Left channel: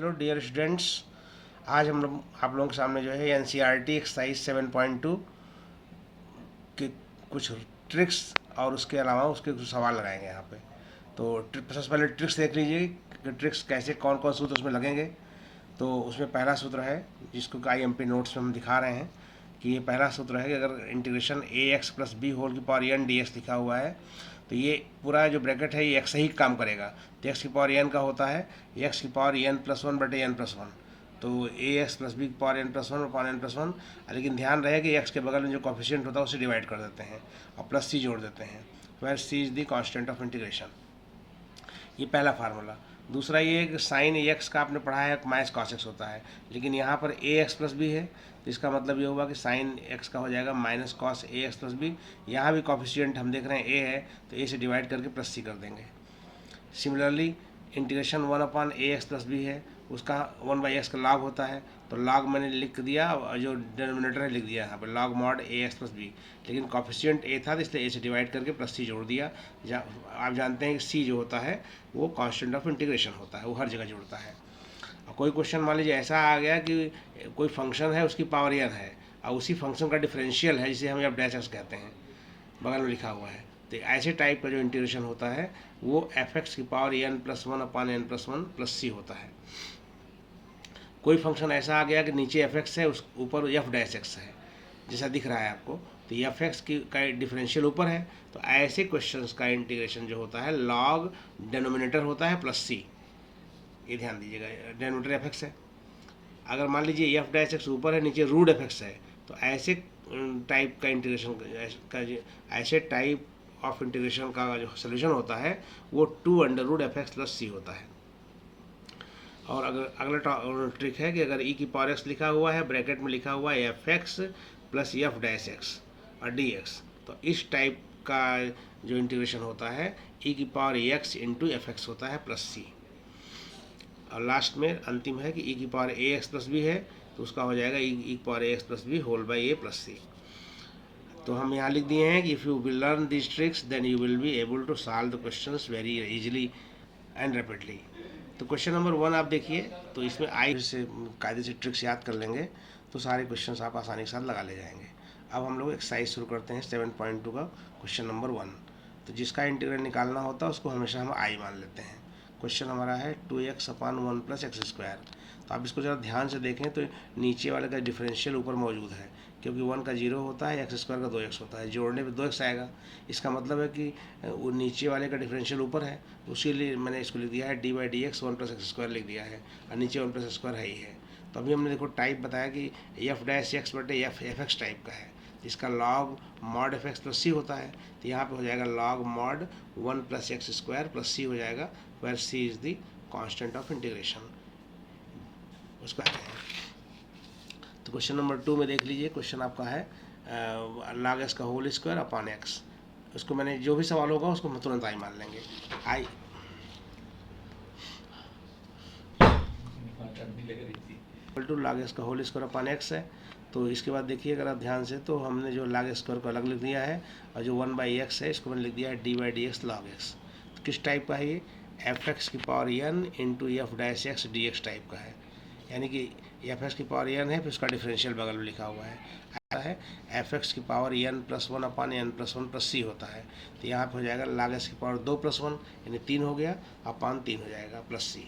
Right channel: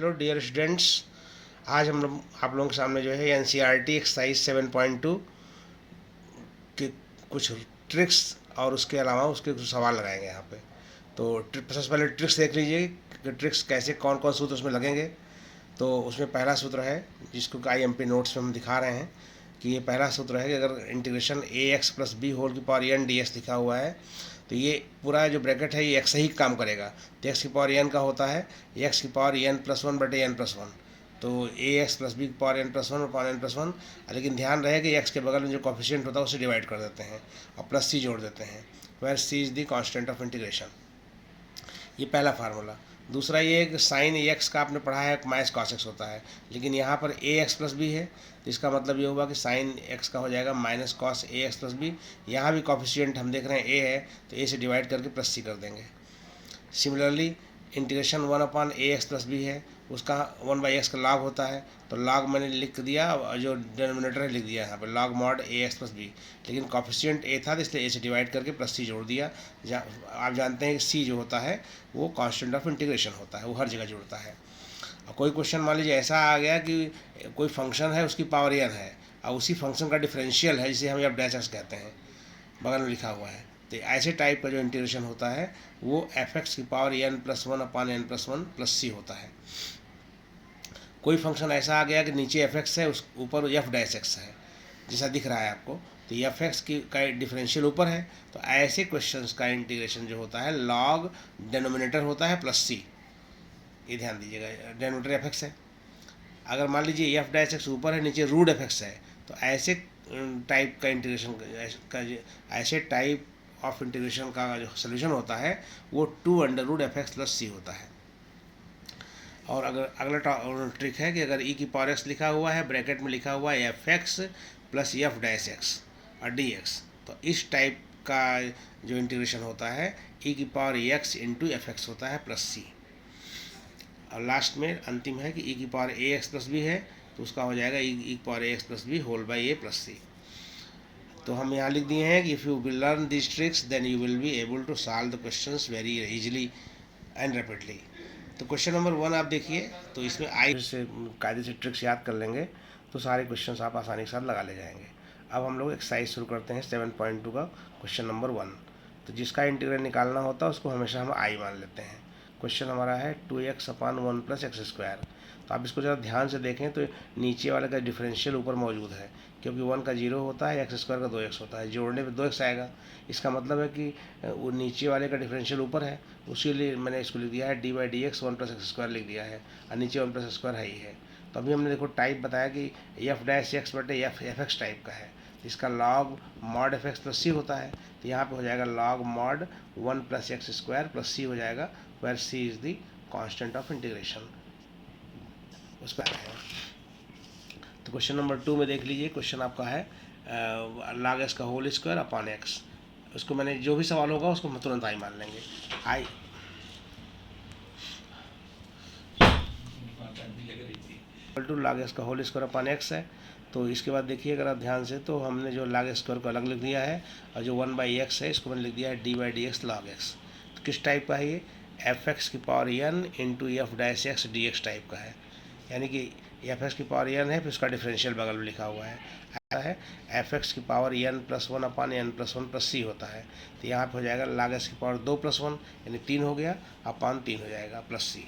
Hello dear students, आज हम लोग आप लोगों के सामने जो है एनसीईआरटी एक्सरसाइज 7.2 के कुछ ट्रिक्स और उसके अलावा उसके कुछ सवाल लगाएंगे यहाँ पे। तो सबसे पहले ट्रिक्स देख लीजिए कि ट्रिक्स कैसे कौन कौन सूत्र उसमें लगेंगे। तो उसमें पहला सूत्र है जिसको IMP नोट्स में हम दिखा रहे हैं कि ये पहला सूत्र है कि अगर इंटीग्रेशन ax+b होल की पावर n dx लिखा हुआ है तो ये पूरा जो ब्रैकेट है ये एक्स ही काम करेगा। तो एक्स की पावर n का होता है एक्स की पावर n+1/n+1, तो ax+b की पावर n+1/n+1। लेकिन ध्यान रहे कि एक्स के बगल में जो कॉफिशिएंट होता है उसे डिवाइड कर देते हैं और प्लस सी जोड़ देते हैं, where c is the constant of integration. ये पहला फार्मूला। दूसरा ये है कि साइन एक्स का आपने पढ़ा है माइनस कॉस एक्स होता है, लेकिन यहाँ पर ax+b है तो इसका मतलब ये होगा कि साइन एक्स का हो जाएगा माइनस कॉस ax+b। यहाँ भी कॉफिशिएंट हम देख रहे हैं a है तो a से डिवाइड करके प्लस सी कर देंगे। सिमिलरली इंटीग्रेशन 1/ax+b है, उसका 1/x का लॉग होता है तो लॉग मैंने लिख दिया और जो डिनोमिनेटर है लिख दिया यहाँ पे लॉग मॉड ax+b, लेकिन कॉफिशिएंट a था तो इसलिए a से डिवाइड करके प्लस सी जोड़ दिया। आप जानते हैं कि c जो होता है वो कांस्टेंट ऑफ इंटीग्रेशन होता है, वो हर जगह जुड़ता है। और कोई क्वेश्चन मान लीजिए ऐसा आ गया कि कोई फंक्शन है उसकी पावर n है और उसी फंक्शन का डिफरेंशियल है जिसे हम f'(x) कहते हैं, बगल में लिखा हुआ है, तो ऐसे टाइप का जो इंटीग्रेशन होता है वो f(x) की पावर n+1/n+1 प्लस सी होता है। कोई फंक्शन ऐसा आ गया कि नीचे f(x) है उस ऊपर f'(x) है जैसा दिख रहा है आपको, तो f(x) की का डिफरेंशियल ऊपर है, तो ऐसे क्वेश्चंस का इंटीग्रेशन जो होता है लॉग डेनोमिनेटर होता है प्लस सी। ये ध्यान दीजिएगा, डेनोमिनेटर f(x) है। अगर मान लीजिए f'(x) ऊपर है नीचे √f(x) है तो ऐसे टाइप का इंटीग्रेशन का ऐसे टाइप ऑफ इंटीग्रेशन का जो सोल्यूशन होता है वो 2√f(x + c होता है। और अगर अगला ट्रिक है कि अगर e की पावर x लिखा हुआ है ब्रैकेट में लिखा हुआ है f(x + f'(x) और dx, तो इस टाइप का जो इंटीग्रेशन होता है e की पावर x × f(x) होता है प्लस c। और लास्ट में अंतिम है कि e की पावर ax+b है तो उसका हो जाएगा e की power ax+b whole by a + c। तो हम यहाँ लिख दिए हैं कि if you will learn this tricks then you will be able to solve the questions very easily and rapidly. तो क्वेश्चन नंबर 1 आप देखिए, तो इसमें से कायदे से ट्रिक्स याद कर लेंगे तो सारे क्वेश्चंस आप आसानी के साथ लगा ले जाएंगे। अब हम लोग एक्सरसाइज शुरू करते हैं 7.2 का क्वेश्चन नंबर 1। तो जिसका इंटीग्रल निकालना होता है उसको हमेशा हम आई मान लेते हैं। क्वेश्चन हमारा है 2x/1 + x²। तो आप इसको ज़रा ध्यान से देखें तो नीचे वाले का डिफरेंशियल ऊपर मौजूद है, क्योंकि 1 का 0 होता है, x² का 2x होता है, जोड़ने पे 2x आएगा। इसका मतलब है कि वो नीचे वाले का डिफरेंशियल ऊपर है, उसी लिए मैंने इसको लिख दिया है d/dx 1 + x² लिख दिया है, और नीचे 1 + x² है ही है। तो अभी हमने देखो टाइप बताया कि f'(x/f(x) टाइप का है, इसका लॉग मॉड f(x + c) होता है, तो यहाँ पे हो जाएगा लॉग मॉड 1 + x² + c हो जाएगा, where c is the constant of integration. उसका तो क्वेश्चन नंबर 2 में देख लीजिए, क्वेश्चन आपका है log x का होल स्क्वायर अपॉन x। उसको मैंने जो भी सवाल होगा उसको हम तुरंत आई मान लेंगे। आई टू log x का होल स्क्वायर अपॉन x है। तो इसके बाद देखिए अगर आप ध्यान से, तो हमने जो log स्क्वायर को अलग लिख दिया है और जो 1/x है इसको मैंने लिख दिया है d/dx log x। तो किस टाइप का है ये? f(x) की power n × f'(x) dx type का है, यानी कि f(x) की पावर n है फिर उसका डिफरेंशियल बगल में लिखा हुआ है f(x) की पावर n+1/n+1 + c होता है, तो यहाँ पे हो जाएगा log x की पावर 2 + 1 यानी 3 हो गया, अपान 3 हो जाएगा प्लस c।